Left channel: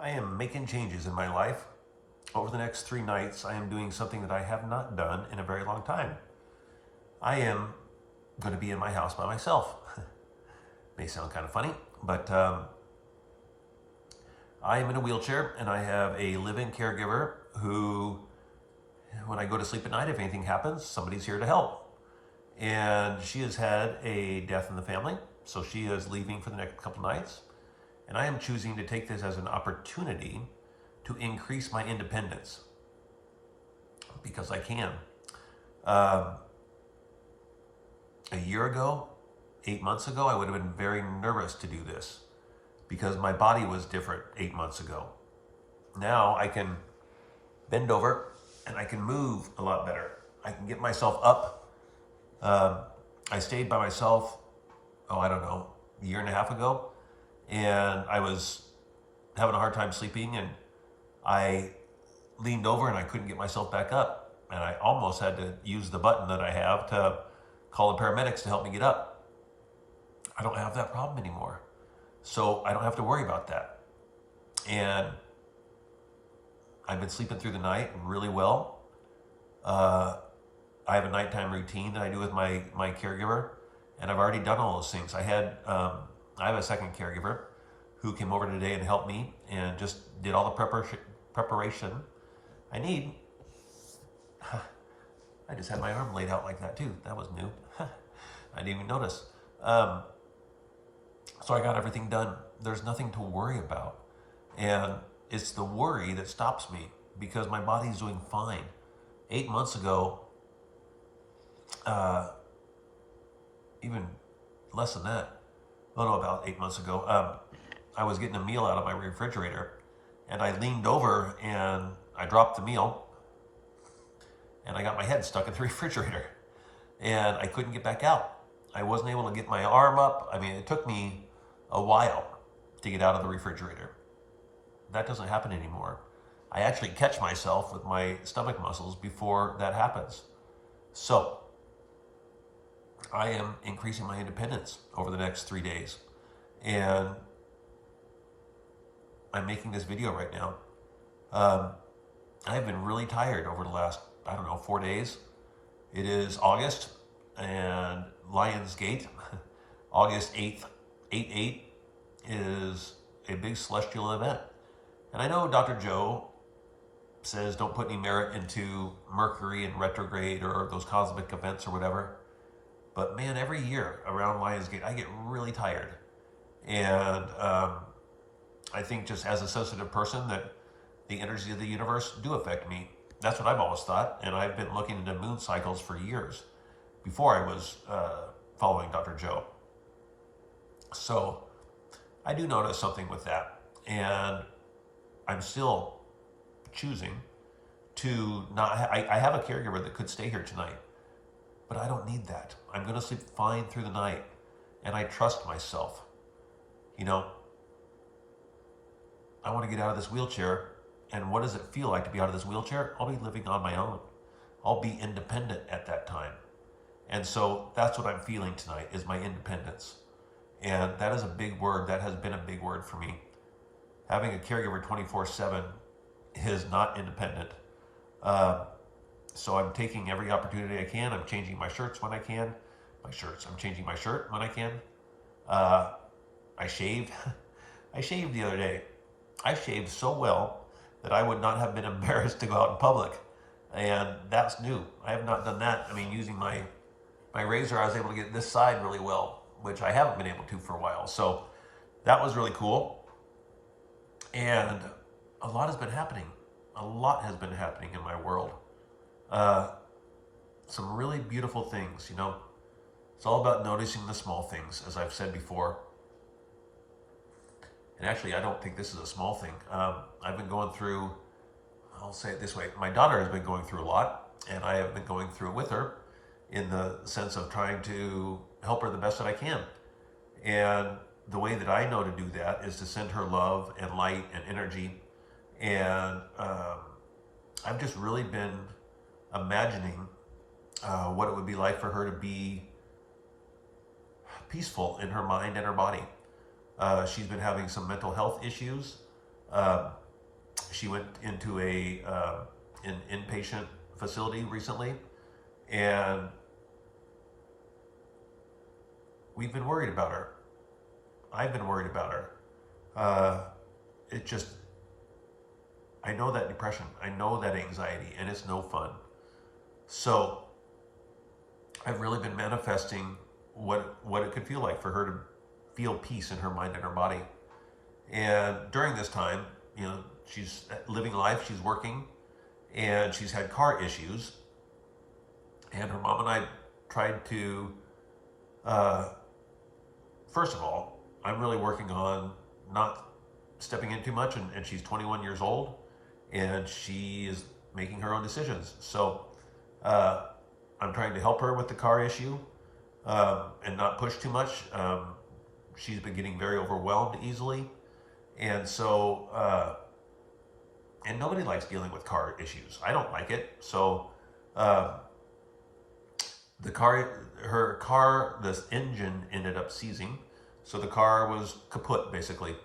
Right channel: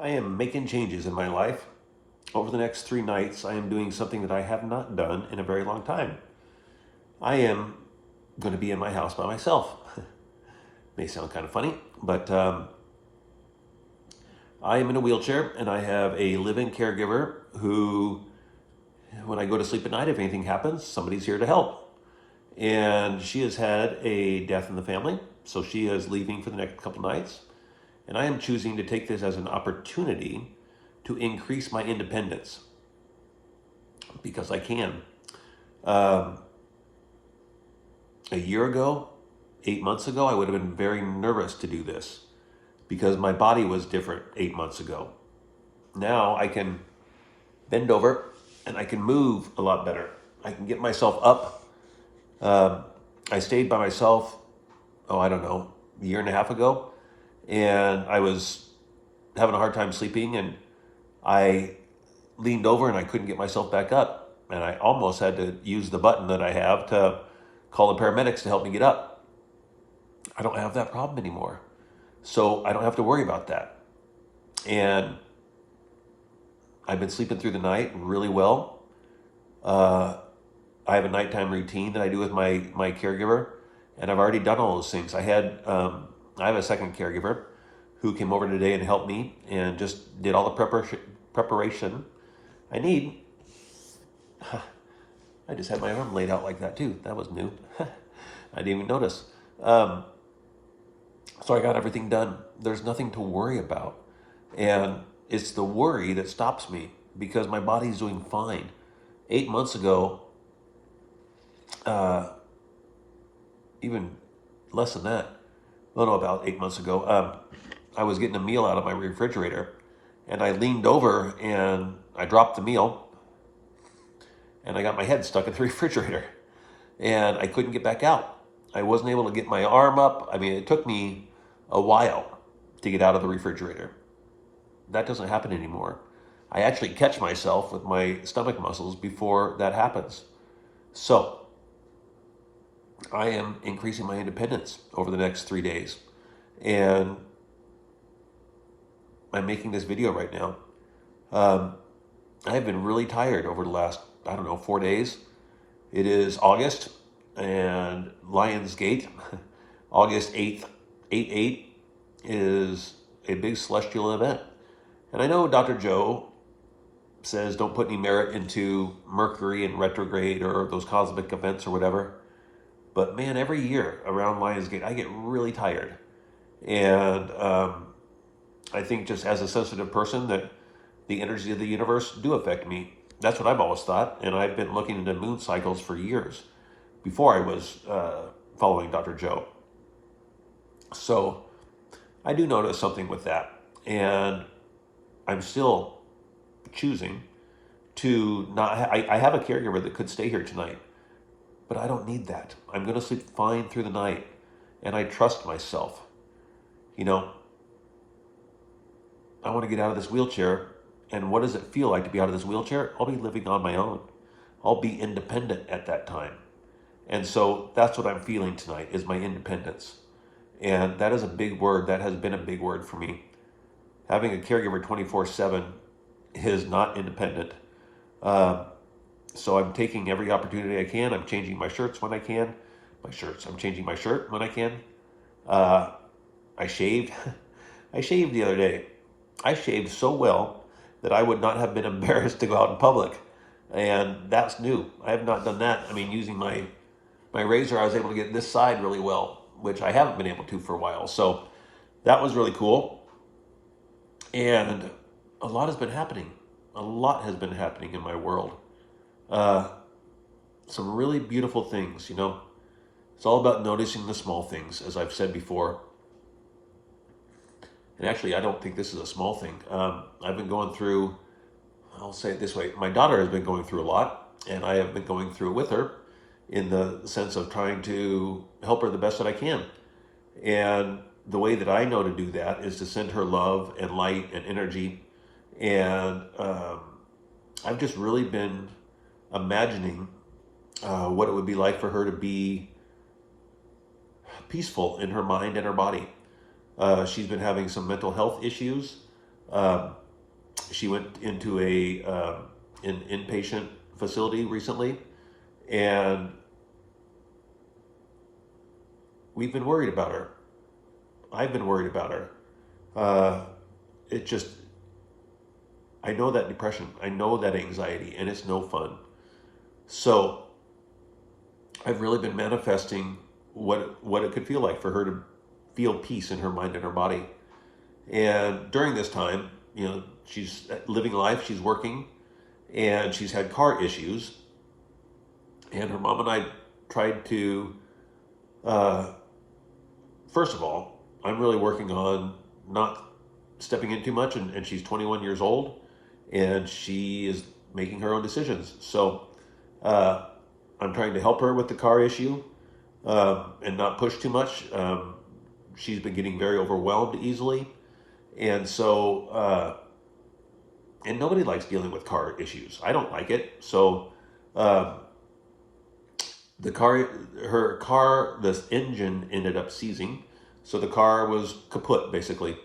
I am making changes in my life. Over the next 3 nights, I am doing something that I have not done in a very long time. I am going to be in my house by myself. May sound kind of funny, but I am in a wheelchair and I have a live-in caregiver who, when I go to sleep at night, if anything happens, somebody's here to help. And she has had a death in the family, so she is leaving for the next couple nights. And I am choosing to take this as an opportunity to increase my independence because I can. Um, a year ago, 8 months ago, I would have been very nervous to do this because my body was different 8 months ago. Now I can bend over and I can move a lot better. I can get myself up. Um, I stayed by myself, I don't know, a year and a half ago, and I was having a hard time sleeping, and I leaned over and I couldn't get myself back up. And I almost had to use the button that I have to call the paramedics to help me get up. I don't have that problem anymore. So I don't have to worry about that. And I've been sleeping through the night really well. Uh, I have a nighttime routine that I do with my caregiver, and I've already done all those things. I have a second caregiver who came over today and helped me and just did all the preparation I need. I just had my arm laid out like that too. That was new. I didn't even notice. Um, so I got everything done. There's nothing to worry about. And it's the worry that stops me because my body's doing fine. 8 months ago, uh, even less than that, well, no, about 8 months ago, I was getting a meal out of my refrigerator and I leaned over and I dropped the meal and I got my head stuck in the refrigerator and I couldn't get back out. I wasn't able to get my arm up. I mean, it took me a while to get out of the refrigerator. That doesn't happen anymore. I actually catch myself with my stomach muscles before that happens. So I am increasing my independence over the next 3 days. And I'm making this video right now. Um, I've been really tired over the last, I don't know, 4 days. It is August and Lionsgate, August 8th, 8/8 is a big celestial event. And I know Dr. Joe says don't put any merit into Mercury and retrograde or those cosmic events or whatever. But man, every year around Lionsgate, I get really tired. And I think just as a sensitive person that the energies of the universe do affect me. That's what I've always thought. And I've been looking into moon cycles for years before I was following Dr. Joe. So I do notice something with that. And I'm still choosing to not, I have a caregiver that could stay here tonight, but I don't need that. I'm going to sleep fine through the night. And I trust myself. You know, I want to get out of this wheelchair. And what does it feel like to be out of this wheelchair? I'll be living on my own. I'll be independent at that time. And so that's what I'm feeling tonight is my independence. And that is a big word. That has been a big word for me. Having a caregiver 24/7 is not independent. Uh, so I'm taking every opportunity I can. I'm changing my shirts when I can. I'm changing my shirt when I can. Uh, I shaved. I shaved the other day. I shaved so well that I would not have been embarrassed to go out in public. And that's new. I have not done that. I mean, using my razor, I was able to get this side really well, which I haven't been able to for a while. So that was really cool. And a lot has been happening. A lot has been happening in my world. Uh, some really beautiful things, you know. It's all about noticing the small things, as I've said before. And actually, I don't think this is a small thing. I've been going through, I'll say it this way, my daughter has been going through a lot, and I have been going through it with her in the sense of trying to help her the best that I can. And the way that I know to do that is to send her love and light and energy. And I've just really been imagining what it would be like for her to be peaceful in her mind and her body. She's been having some mental health issues. Um, she went into an inpatient facility recently, and we've been worried about her. I've been worried about her. Uh, it just, I know that depression, I know that anxiety, and it's no fun. So I've really been manifesting what it could feel like for her to feel peace in her mind and her body. And during this time, she's living life, she's working, and she's had car issues. And her mom and I tried to, uh, first of all, I'm really working on not stepping in too much, and she's 21 years old, and she is making her own decisions. So uh, I'm trying to help her with the car issue, and not push too much. She's been getting very overwhelmed easily, and and nobody likes dealing with car issues. I don't like it. So uh, the car, her car, the engine ended up seizing, so the car was kaput basically,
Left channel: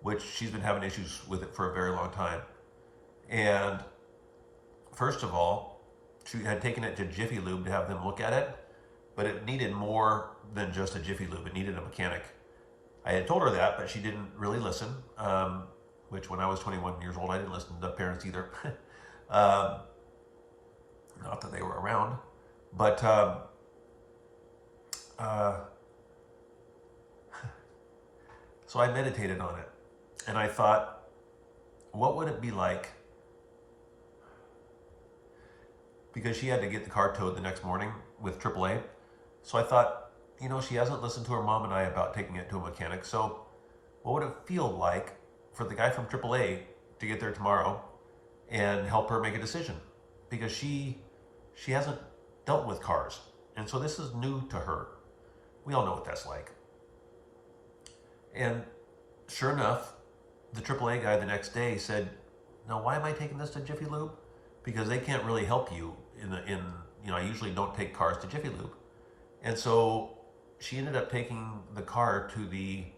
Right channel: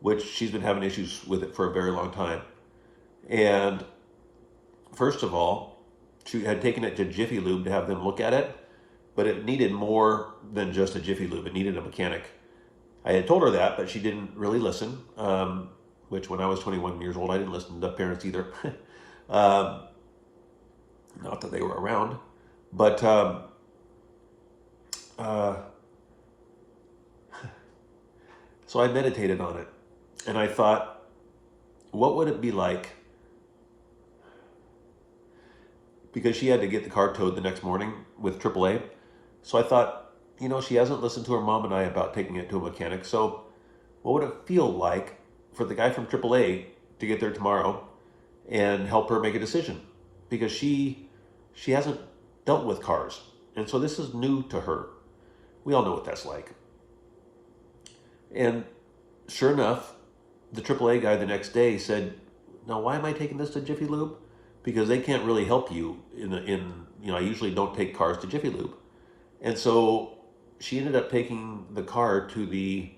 which she's been having issues with it for a very long time. And first of all, she had taken it to Jiffy Lube to have them look at it, but it needed more than just a Jiffy Lube. It needed a mechanic. I had told her that, but she didn't really listen. Which, when I was 21 years old, I didn't listen to parents either. um, Not that they were around, but uh, so I meditated on it, and I thought, what would it be like? Because she had to get the car towed the next morning with AAA. So I thought, she hasn't listened to her mom and I about taking it to a mechanic. So what would it feel like for the guy from AAA to get there tomorrow and help her make a decision? Because she hasn't dealt with cars, and so this is new to her. We all know what that's like. And sure enough, the AAA guy the next day said, "Now, why am I taking this to Jiffy Lube? Because they can't really help you I usually don't take cars to Jiffy Lube." And so she ended up taking the car to the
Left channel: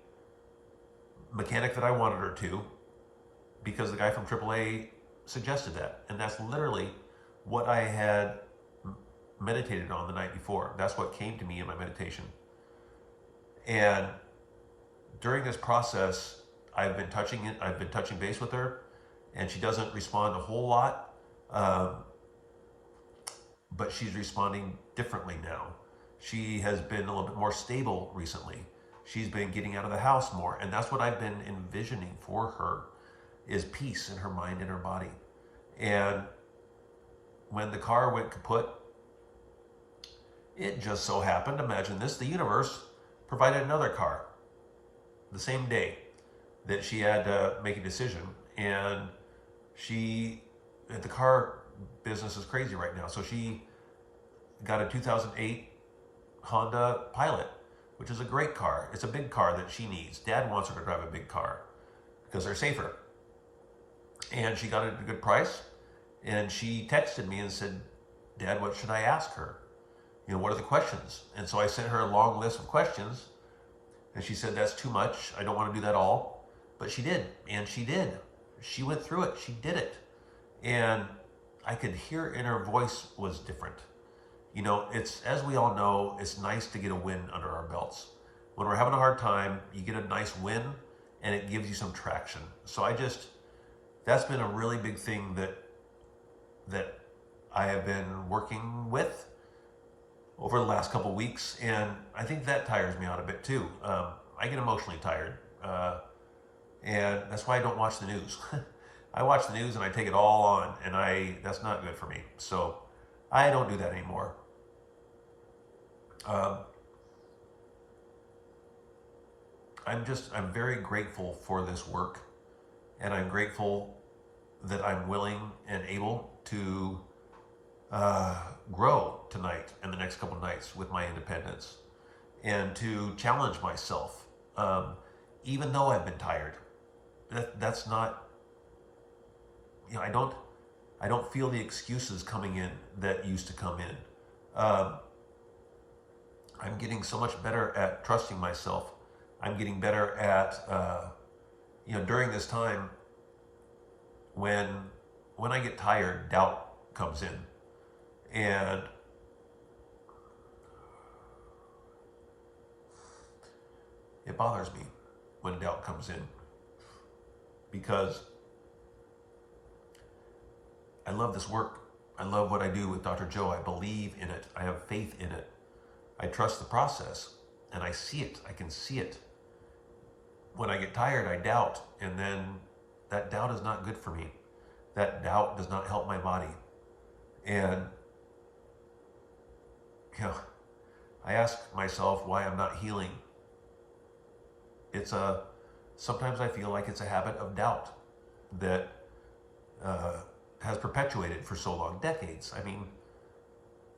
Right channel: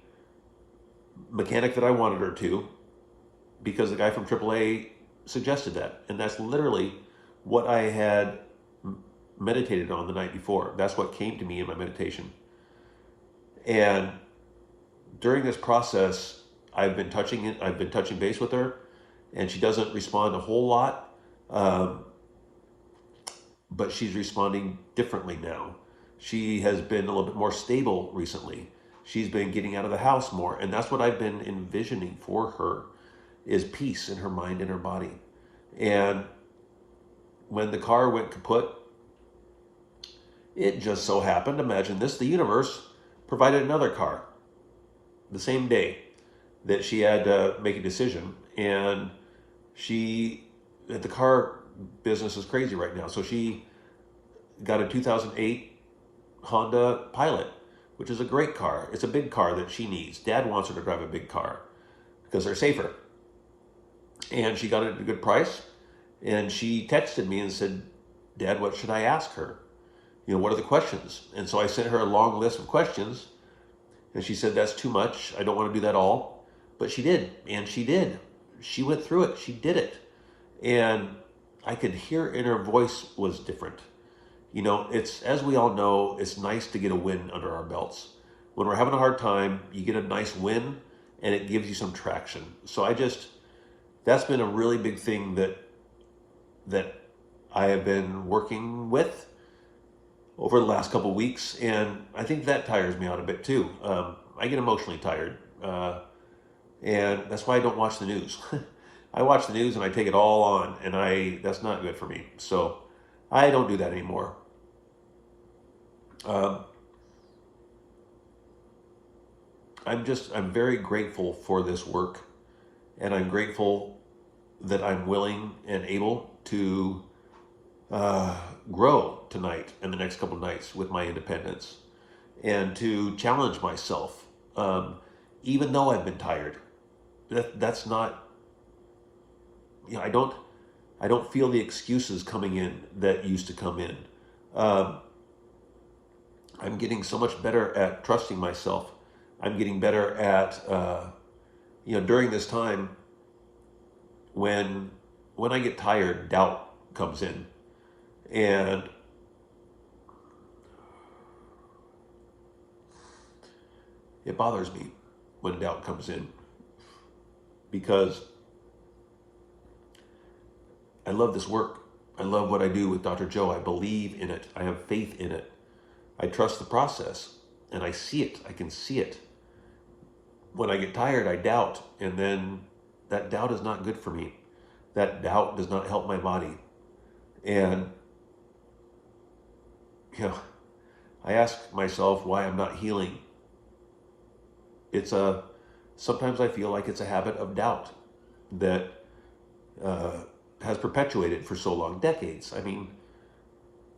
mechanic that I wanted her to, because the guy from AAA suggested that. And that's literally what I had meditated on the night before. That's what came to me in my meditation. And during this process, I've been touching base with her, and she doesn't respond a whole lot. But she's responding differently now. She has been a little bit more stable recently. She's been getting out of the house more, and that's what I've been envisioning for her, is peace in her mind and her body. And when the car went kaput, it just so happened, imagine this, the universe provided another car the same day that she had to make a decision. And the car business is crazy right now. So she got a 2008 Honda Pilot, which is a great car. It's a big car that she needs. Dad wants her to drive a big car because they're safer. And she got it at a good price. And she texted me and said, "Dad, what should I ask her? What are the questions?" And so I sent her a long list of questions. And she said, "That's too much. I don't want to do that all." But she did. And she did. She went through it. She did it. And I could hear in her voice was different. It's, as we all know, it's nice to get a win under our belts. When we're having a hard time, you get a nice win, and it gives you some traction. So that's been a really big thing that I have been working with over the last couple of weeks, and I think that tires me out a bit too. I get emotionally tired, and that's why I don't watch the news. I watch the news and I take it all on, and that's not good for me. So I don't do that anymore. I'm very grateful for this work, and I'm grateful that I'm willing and able to grow tonight and the next couple of nights with my independence, and to challenge myself, even though I've been tired. That's not, I don't feel the excuses coming in that used to come in. I'm getting so much better at trusting myself. I'm getting better at, during this time, when I get tired, doubt comes in, and it bothers me when doubt comes in because I love this work. I love what I do with Dr. Joe. I believe in it. I have faith in it. I trust the process, and I see it. I can see it. When I get tired, I doubt, and then that doubt is not good for me. That doubt does not help my body. And, I ask myself why I'm not healing. Sometimes I feel like it's a habit of doubt that has perpetuated for so long, decades. I mean,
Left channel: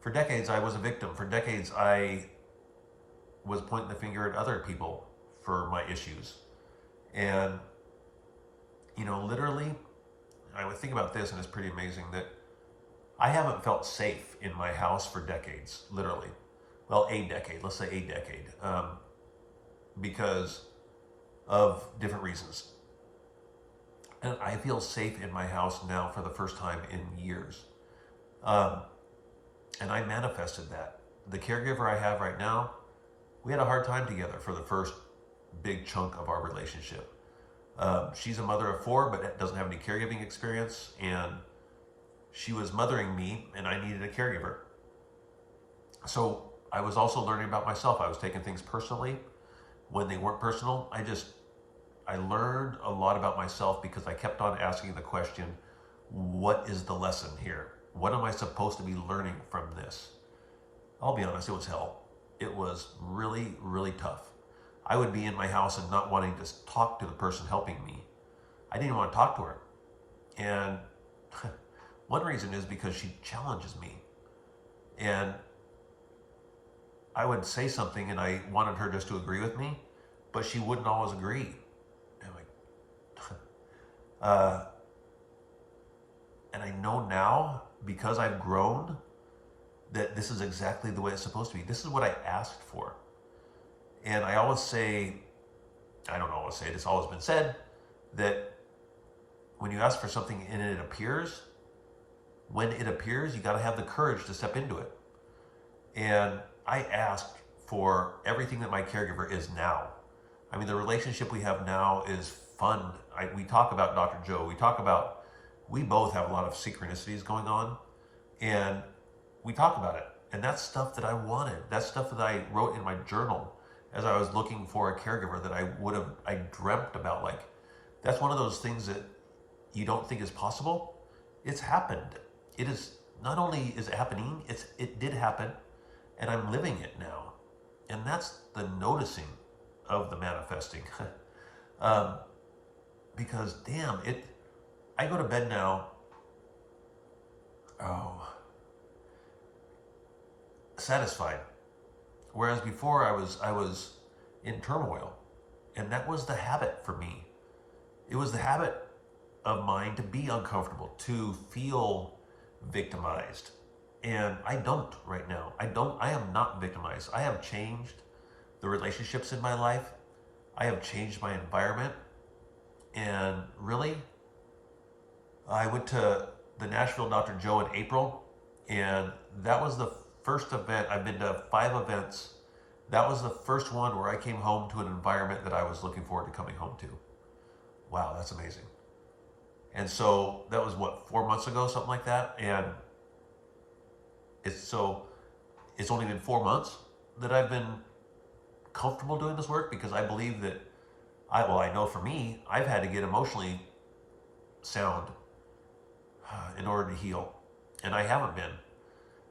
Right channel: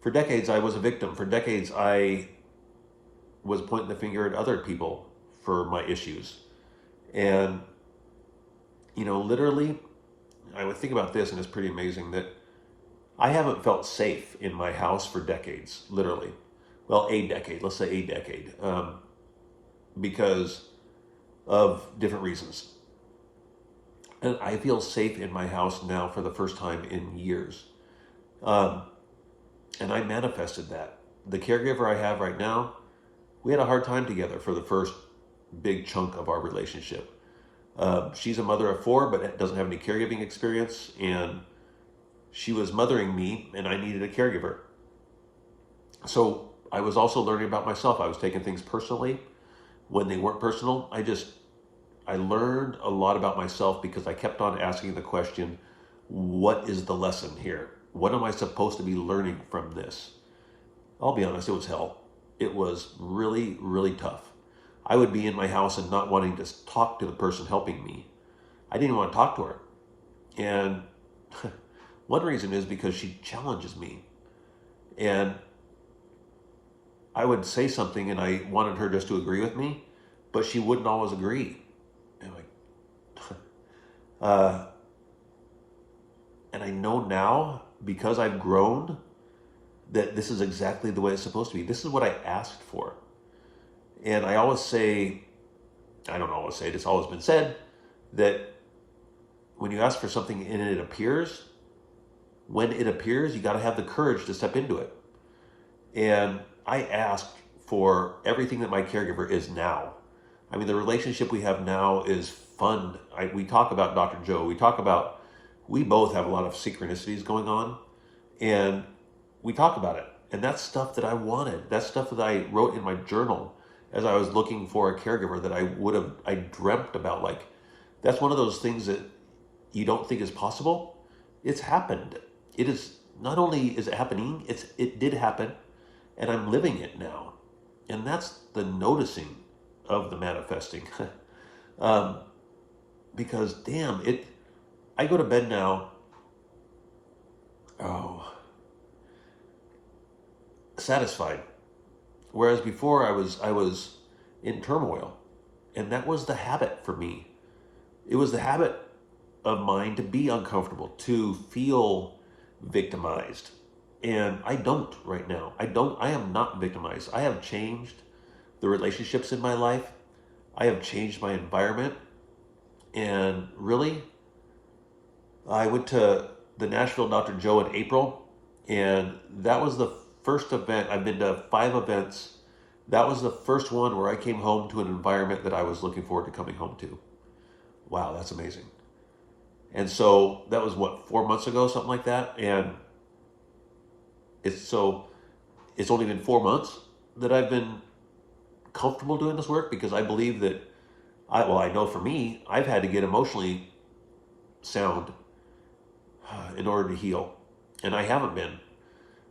for decades I was a victim. For decades I was pointing the finger at other people for my issues. And, literally, I would think about this, and it's pretty amazing that I haven't felt safe in my house for decades, literally. Well, a decade, let's say a decade, because of different reasons. And I feel safe in my house now for the first time in years. And I manifested that. The caregiver I have right now, we had a hard time together for the first big chunk of our relationship. She's a mother of 4, but doesn't have any caregiving experience. And she was mothering me, and I needed a caregiver. So I was also learning about myself. I was taking things personally when they weren't personal. I learned a lot about myself because I kept on asking the question, what is the lesson here? What am I supposed to be learning from this? I'll be honest, it was hell. It was really, really tough. I would be in my house and not wanting to talk to the person helping me. I didn't even want to talk to her. And one reason is because she challenges me. And I would say something and I wanted her just to agree with me, but she wouldn't always agree. And and I know now, because I've grown, that this is exactly the way it's supposed to be. This is what I asked for. And I always say, I don't always say it, it's always been said, that when you ask for something and it appears, when it appears, you got to have the courage to step into it. And I asked for everything that my caregiver is now. I mean, the relationship we have now is fun. We talk about Dr. Joe. We both have a lot of synchronicities going on. And we talk about it. And that's stuff that I wanted. That's stuff that I wrote in my journal as I was looking for a caregiver that I dreamt about. Like, that's one of those things that you don't think is possible. It's happened. It is, not only is it happening, it did happen, and I'm living it now. And that's the noticing of the manifesting. Because damn, I go to bed now, satisfied. Whereas before I was in turmoil. And that was the habit for me. It was the habit of mine to be uncomfortable, to feel victimized. And I don't right now. I am not victimized. I have changed the relationships in my life. I have changed my environment. And really, I went to the Nashville Dr. Joe in April, and that was the first event. I've been to 5 events. That was the first one where I came home to an environment that I was looking forward to coming home to. Wow, that's amazing. And so that was 4 months ago, something like that. And it's only been 4 months that I've been comfortable doing this work, because I believe that I know for me, I've had to get emotionally sound in order to heal. And I haven't been.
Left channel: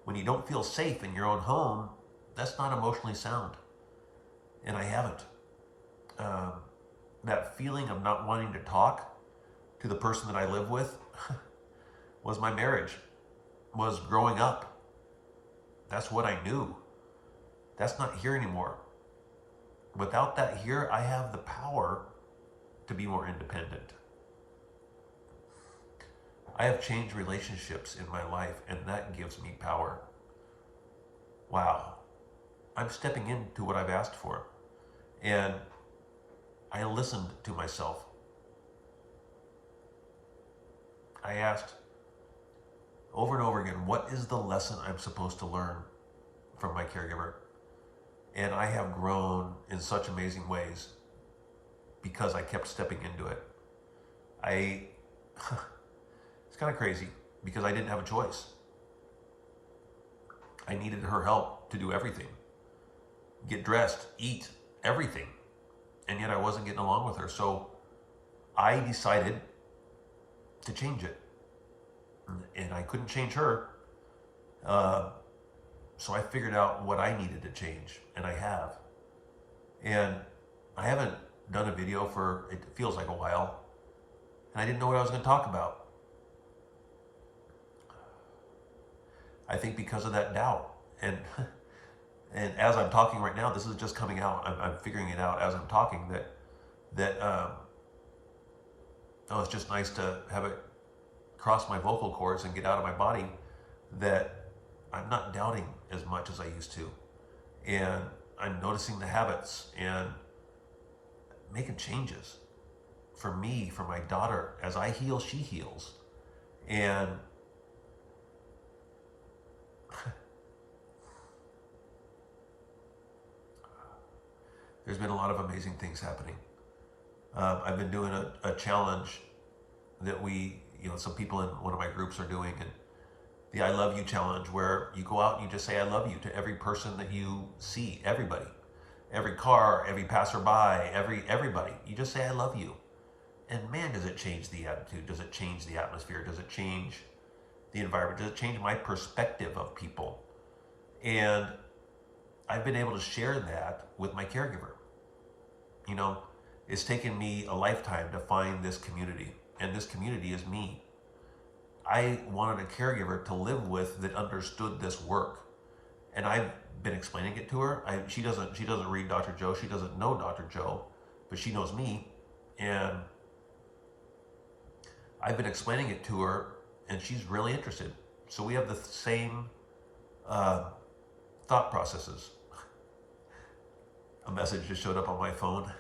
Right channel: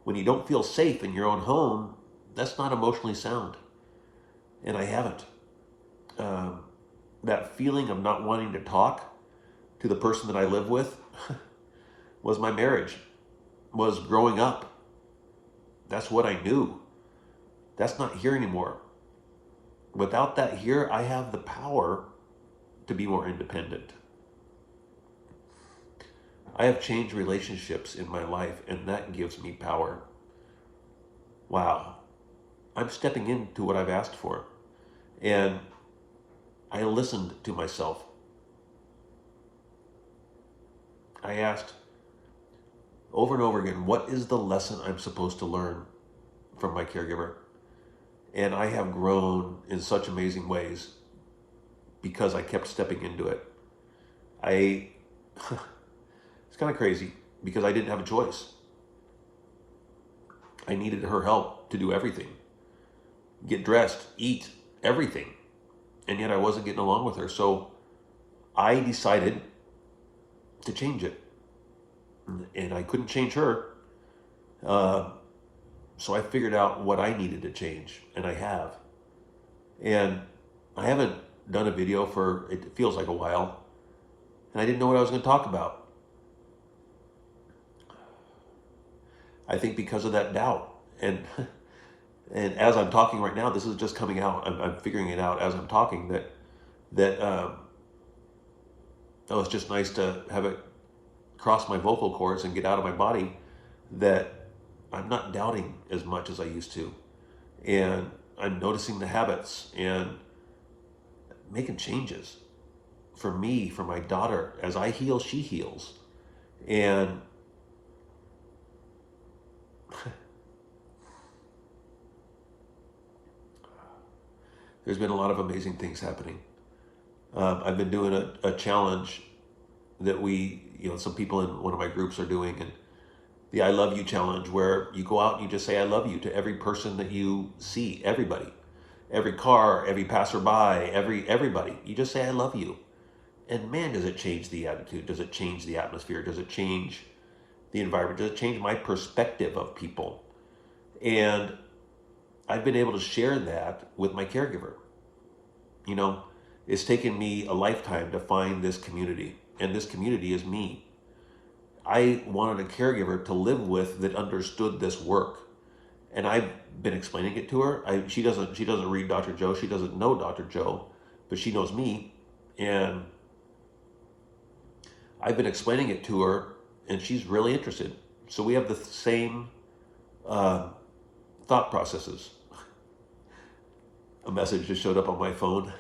When you don't feel safe in your own home, that's not emotionally sound. And I haven't. That feeling of not wanting to talk to the person that I live with was my marriage, was growing up. That's what I knew. That's not here anymore. Without that here, I have the power to be more independent. I have changed relationships in my life, and that gives me power. Wow. I'm stepping into what I've asked for. And I listened to myself. I asked over and over again, what is the lesson I'm supposed to learn from my caregiver? And I have grown in such amazing ways because I kept stepping into it. I, it's kind of crazy because I didn't have a choice. I needed her help to do everything, get dressed, eat, everything. And yet I wasn't getting along with her. So I decided to change it. And I couldn't change her. So I figured out what I needed to change, and I have. And I haven't done a video for, it feels like a while, and I didn't know what I was going to talk about. I think because of that doubt. And and as I'm talking right now, this is just coming out. I'm figuring it out as I'm talking that oh, it's just nice to have it cross my vocal cords and get out of my body, that I'm not doubting as much as I used to. And I'm noticing the habits and making changes for me, for my daughter. As I heal, she heals. And there's been a lot of amazing things happening. I've been doing a challenge that some people in one of my groups are doing, and the I Love You challenge, where you go out and you just say I love you to every person that you see, everybody, every car, every passerby, everybody. You just say I love you. And man, does it change the attitude? Does it change the atmosphere? Does it change the environment? Does it change my perspective of people? And I've been able to share that with my caregiver. It's taken me a lifetime to find this community, and this community is me. I wanted a caregiver to live with that understood this work, and I've been explaining it to her. She doesn't read Dr. Joe. She doesn't know Dr. Joe, but she knows me, and I've been explaining it to her, and she's really interested. So we have the same thought processes. A message just showed up on my phone.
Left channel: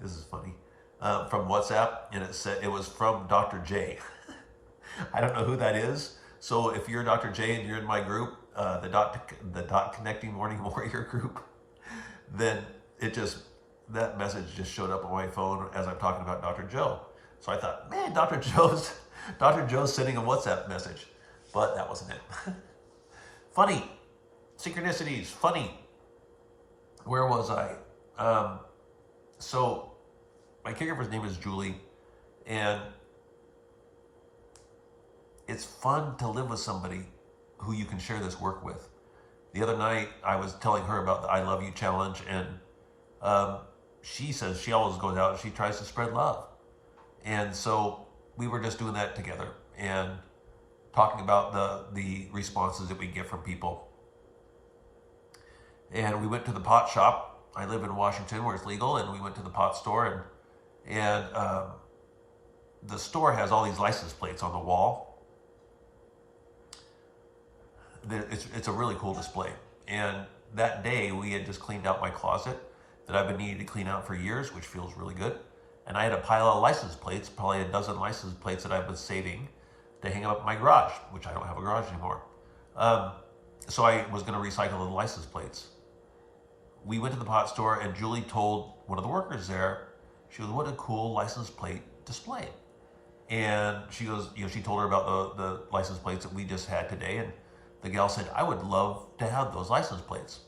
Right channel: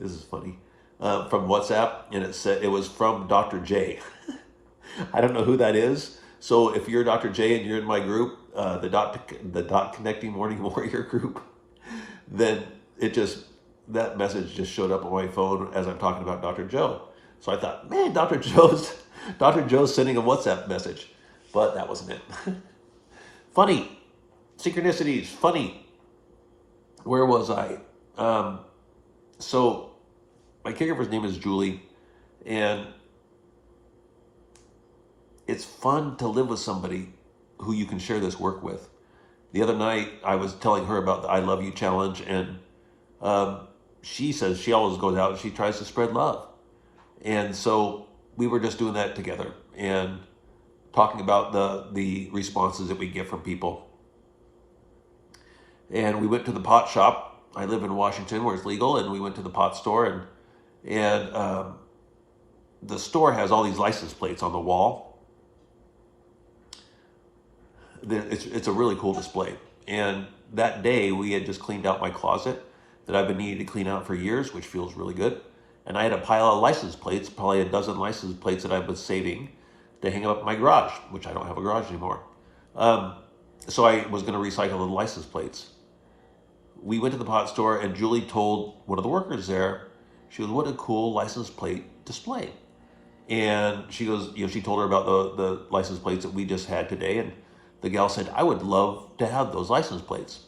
This is funny. From WhatsApp, and it said it was from Dr. J. I don't know who that is. So if you're Dr. J and you're in my group, the dot connecting morning warrior group, then that message just showed up on my phone as I'm talking about Dr. Joe. So I thought, man, Dr. Joe's sending a WhatsApp message, but that wasn't it. Funny synchronicities. Funny. Where was I? So my caregiver's name is Julie, and it's fun to live with somebody who you can share this work with. The other night, I was telling her about the I Love You challenge, and she says she always goes out and she tries to spread love. And so we were just doing that together and talking about the responses that we get from people. And we went to the pot shop. I live in Washington where it's legal, and we went to the pot store, and the store has all these license plates on the wall. It's a really cool display. And that day we had just cleaned out my closet that I've been needing to clean out for years, which feels really good. And I had a pile of license plates, probably a dozen license plates that I've been saving to hang up in my garage, which I don't have a garage anymore. So I was going to recycle the license plates. We went to the pot store, and Julie told one of the workers there, she goes, what a cool license plate display. And she goes, she told her about the license plates that we just had today. And the gal said, I would love to have those license plates.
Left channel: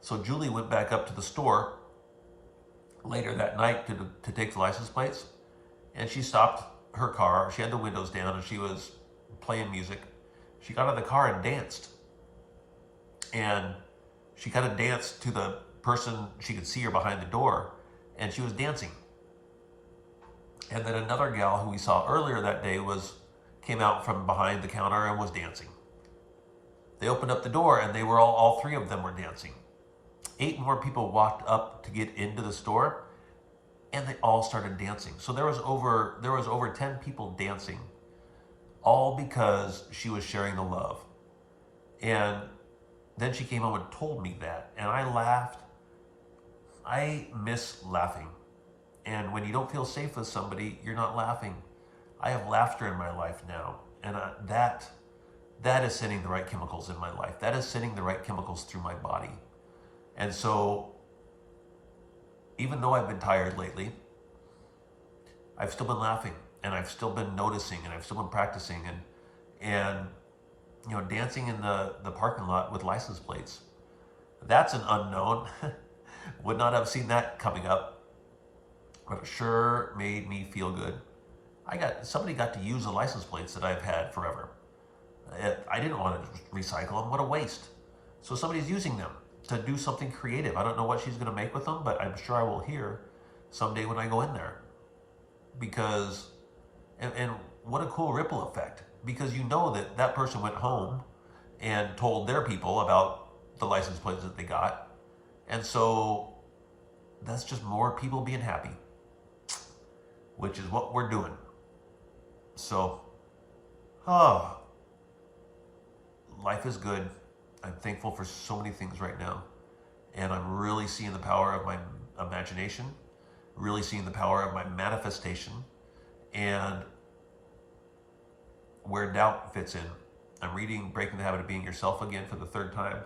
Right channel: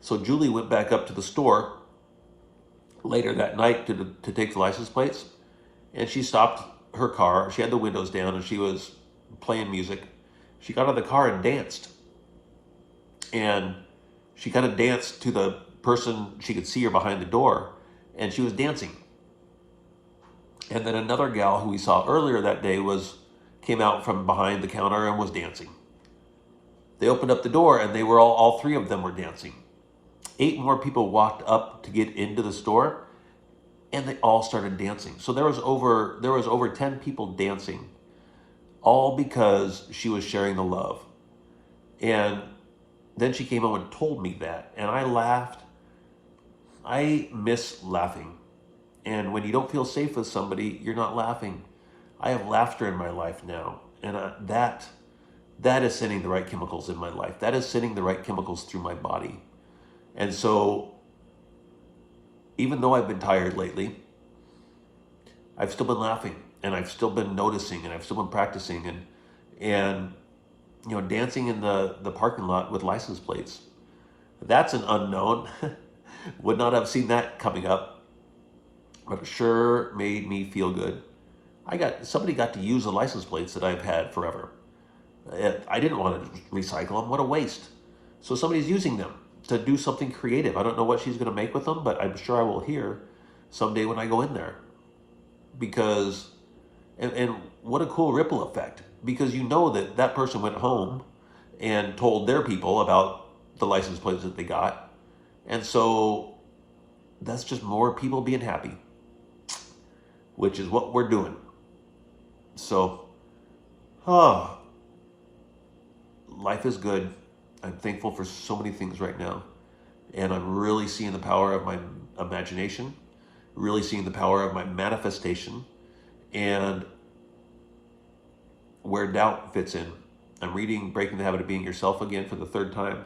So Julie went back up to the store later that night to take the license plates. And she stopped her car. She had the windows down, and she was playing music. She got out of the car and danced. And she kind of danced to the person. She could see her behind the door, and she was dancing. And then another gal who we saw earlier that day came out from behind the counter and was dancing. They opened up the door, and they were all three of them were dancing. 8 more people walked up to get into the store, and they all started dancing. So there was over 10 people dancing, all because she was sharing the love. And then she came home and told me that, and I laughed. I miss laughing. And when you don't feel safe with somebody, you're not laughing. I have laughter in my life now, and that is sending the right chemicals in my life. That is sending the right chemicals through my body. And so, even though I've been tired lately, I've still been laughing, and I've still been noticing, and I've still been practicing, and dancing in the parking lot with license plates. That's an unknown. Would not have seen that coming up, but it sure made me feel good. Somebody got to use the license plates that I've had forever. I didn't want to recycle them. What a waste. So somebody's using them to do something creative. I don't know what she's going to make with them, but I'm sure I will hear someday when I go in there. Because, and what a cool ripple effect. Because that person went home and told their people about the license plates that they got. And so that's just more people being happy, which is what we're doing. So, oh, life is good. I'm thankful for so many things right now. And I'm really seeing the power of my imagination, really seeing the power of my manifestation, and where doubt fits in. I'm reading Breaking the Habit of Being Yourself again for the third time.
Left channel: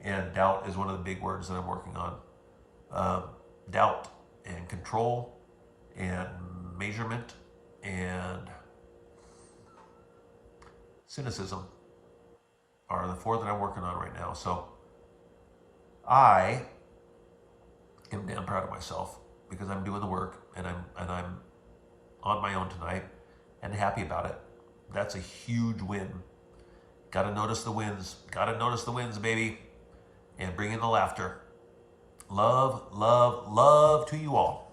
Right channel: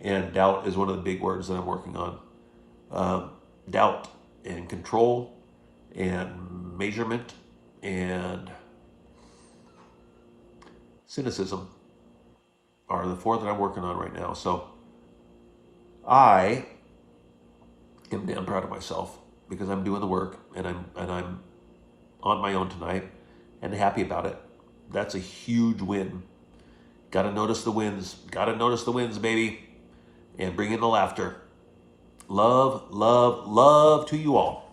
And doubt is one of the big words that I'm working on. Doubt and control and measurement and cynicism are the four that I'm working on right now. So I am damn proud of myself because I'm doing the work, and I'm on my own tonight and happy about it. That's a huge win. Got to notice the wins. Got to notice the wins, baby. And bring in the laughter. Love, love, love to you all.